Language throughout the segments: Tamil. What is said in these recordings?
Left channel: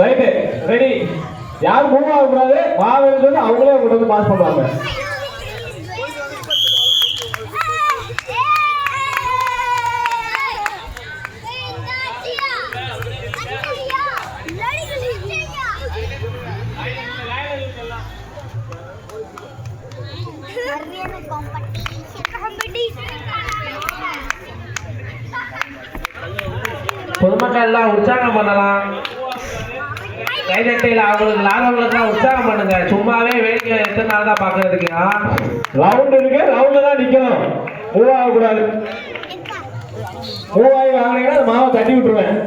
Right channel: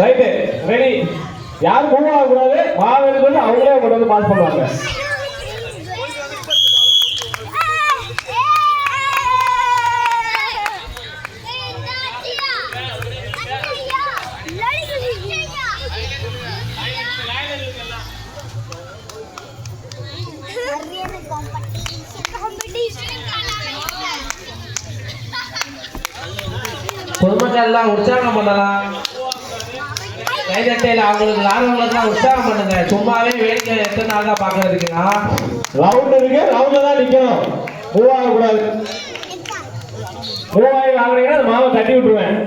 Right ready. யாரும் மூவ் ஆகக்கூடாது. மாவீரர்கள் அவங்களே கொண்டு வந்து பாஸ் பண்ணுவாங்க. பொதுமக்கள் எல்லாம் உற்சாகம் பண்ணலாம். கைதட்டையில் அவங்களுக்கு லாபங்களுக்குலாம் உற்சாகம் பண்ணுங்க. சும்மாவே வேடிக்கை எத்தனை நாள் தான் பார்க்கறதுக்கு. ரவுண்ட் இருக்கு, ரவுண்ட்ல தான் நிக்கணும். மூவ் ஆகக்கூடாது. மூவ் ஆகி வாங்கினீங்கன்னா அந்த மாவை தட்டி விட்டுருவேன்.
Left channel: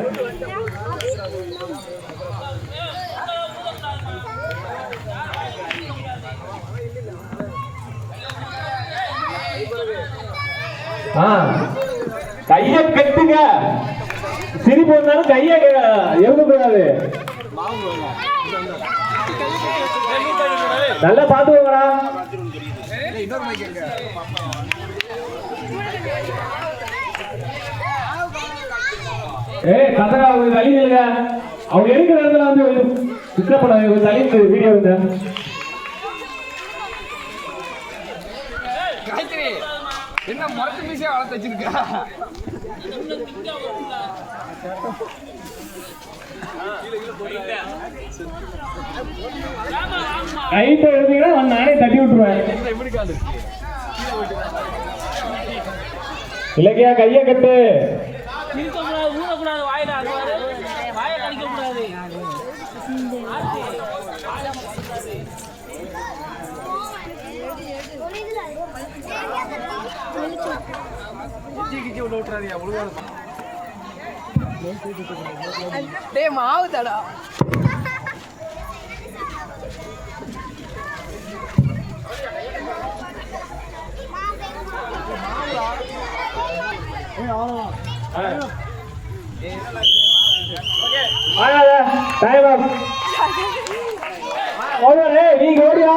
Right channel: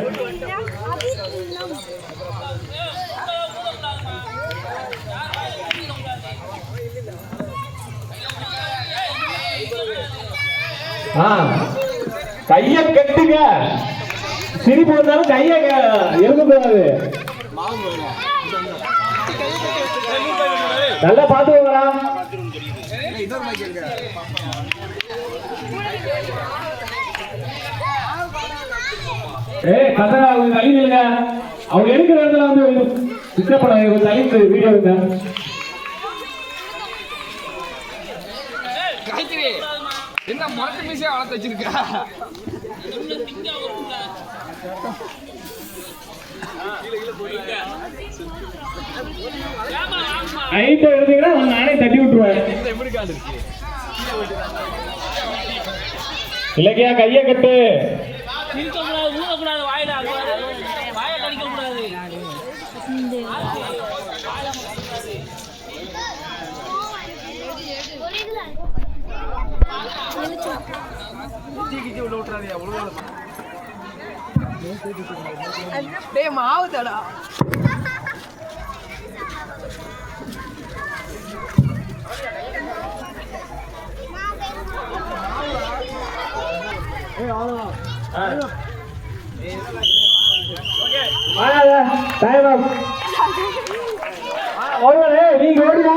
கைய கட்டுங்க. சிரிப்பு வந்தாலும் கைய எழுதக்கூடாது. நல்லா பாத்துக்கோங்கடா. கசரா அவங்க தள்ளி இல்லைங்க. அவங்க எடுக்கிற இடத்துல வந்து டிஸ்டர்ப் பண்ணாங்க. தள்ளி வீடியோ இருங்க. என்ன மரத்து மீசையா வளர்த்து வச்சிருக்கா? கைட்ட எழுதிங்கன்னா நானே தட்டி விட்டுருவேன். இல்லையா கைய கட்டு. மாவுதடா நீங்க ஓடியா